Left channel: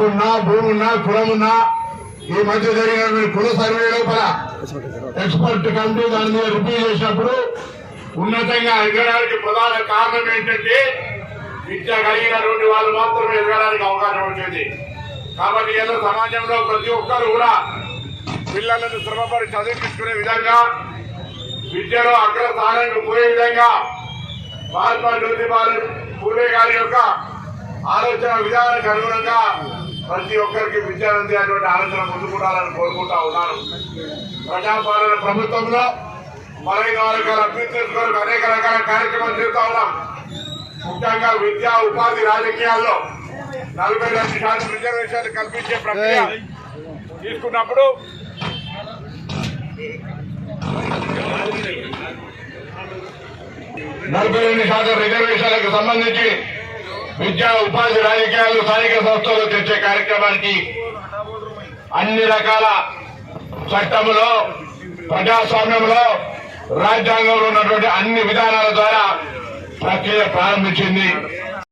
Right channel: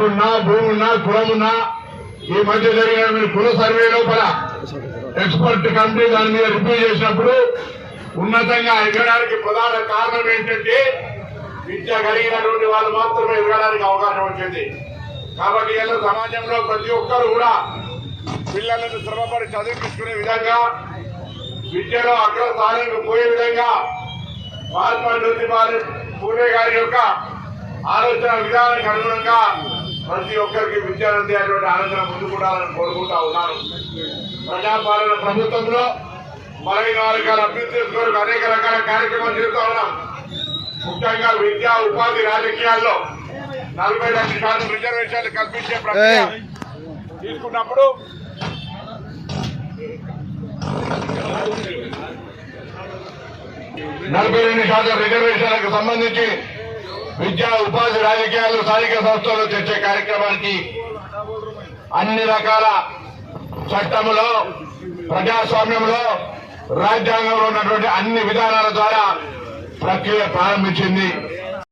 డబ్బున్నా భూమున్నా కులమున్నా ఈ మధ్య జరిగిన కుల సర్వే లోపల ఎక్స్పర్ట్ కమిటీ దాని మీద రివ్యూ చేసినప్పుడు ఉన్నతంగా ఎదగడానికి ప్రధాన కారణం ఏంటంటే విద్య కలిగినటువంటి వాళ్ళు మాత్రమే ఎదగడానికి అవకాశం ఉంటుంది. కాబట్టి ఇలా సమాజంలో ప్రతి ఒక్కరు కూడా పిల్లలను శ్రమపడి చదివించుకునే విధంగా విద్యలో అగ్రస్థానానికి పోయే విధంగా మహాత్మా జ్యోతిబాల పూలే గారి యొక్క ఆలోచన విధానానికి అనుగుణంగా ప్రతి ఒక్కరికి విద్య ఉంది అటువంటి ఆలోచన ముందుకుంటాలని కోరుకుంటా ఉన్నాను. ప్రజాపాలన ప్రభుత్వంలో మరైన వర్గాల అభ్యున్నతి కొరకు అనేక రకాల కార్యక్రమాలు చేస్తూ ఉన్నాం. ముఖ్యంగా విద్యా ఉపాధి రాజకీయాల్లో నలభై రెండు శాతం రిజర్వేషన్లు కల్పించే ప్రక్రియ తీసుకున్నప్పుడు నలభై రెండు శాతం రిజర్వేషన్లకు సంబంధించి విద్యా ఉపాధి రాజకీయాలు స్థానిక సంస్థలు తెచ్చే కార్యక్రమానికి అన్ని రకాల చట్టములో ప్రజాస్వామ్యంలో రాజ్యాంగంలో ఉన్నటువంటి అన్ని విధానాల ద్వారా ప్రక్రియ ప్రారంభించింది.